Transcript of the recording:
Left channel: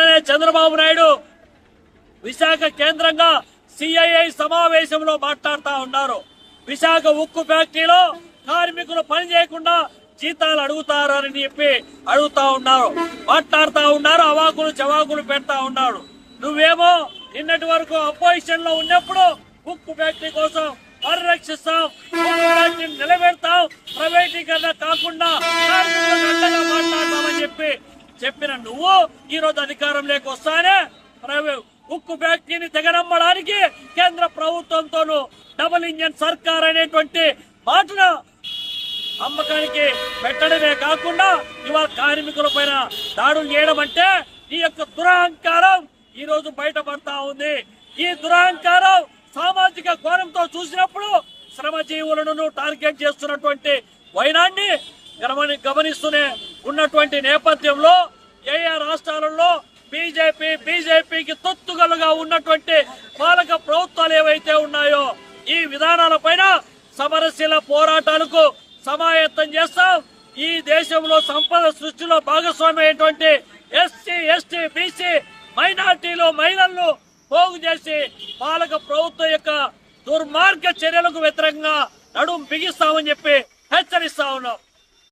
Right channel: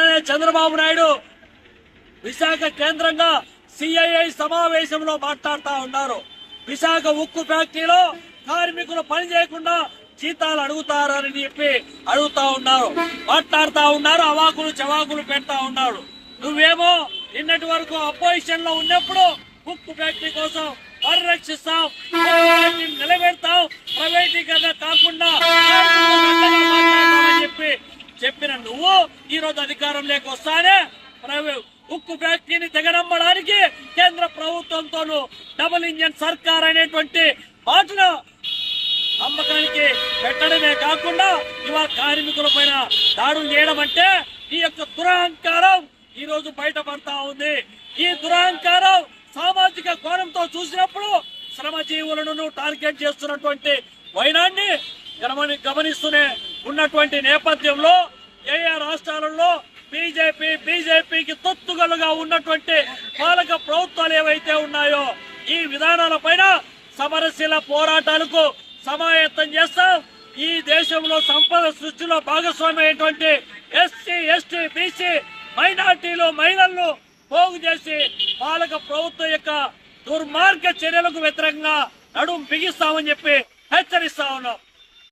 నిన్ననే చంద్రబాబు నాయుడు విశాఖ కేంద్రంగా సిఐఐ సమావేశంలో మాట్లాడుతూ ఉన్నారు. విశాఖ ఉక్కు ఫ్యాక్టరీలో కార్మికులు పని చేయకుండా జీతాలు అడుగుతారని చెప్పి అడుగుతా ఉన్నారు, మాట్లాడుతా ఉన్నారు, అవాకులు చవాకులు పెడతా ఉన్నారు. నువ్వేమో నిన్నటి వరకు అపోజిషన్ లో ఉన్నప్పుడు ఉక్కు ఫ్యాక్టరీ కోసం పరిరక్షిస్తాం, ఉక్కు ఫ్యాక్టరీని నిలబెడతాం, ప్రైవేటీకరణ కాకుండా మాట్లాడతామని చెప్పిన నువ్వు ఈ రోజు అధికారంలోకి వస్తానే ఉక్కు ఫ్యాక్టరీని తెగనమ్మడానికి కేంద్ర ప్రభుత్వంతోనూ డబుల్ ఇంజన్ సర్కార్ అనేటువంటి మాటను అమ్మకానికి పెట్టడమే కాకుండా ఇవాళ కార్మికుల పైన దాడులు చేయడం అంటే ఈ యొక్క దురహంకారం ఈ రోజు బయటపడతా ఉంది. ఈ దురహంకారం సామాజిక కోణంతో చూసినప్పుడు శ్రమజీవులను టార్గెట్ చేస్తున్నటువంటి వైనాన్ని గమనిస్తూనే ఉన్నటువంటి నేపథ్యంలో ఏ రాష్ట్రాలలో బీజేపీకి తొత్తుగలుగా ఉన్నటువంటి పాలక ప్రభుత్వాలు ఏవైతే ఉన్నాయో ఈ విధానాలపైన సమరశీల పోరాటాలకు సమాయత్తం చేస్తాం. ఈ దేశంలో సంపద సృష్టిలో భాగస్వామ్యమైనటువంటి ఎస్సీ, ఎస్టీ, బీసీ మైనార్టీలు, మహిళలను పోగు చేసి పాలక ప్రభుత్వం యొక్క దుర్మార్గ చర్యలకు వ్యతిరేకంగా నడుం బిగిస్తామని చెప్పి హెచ్చరిస్తా ఉన్నాం.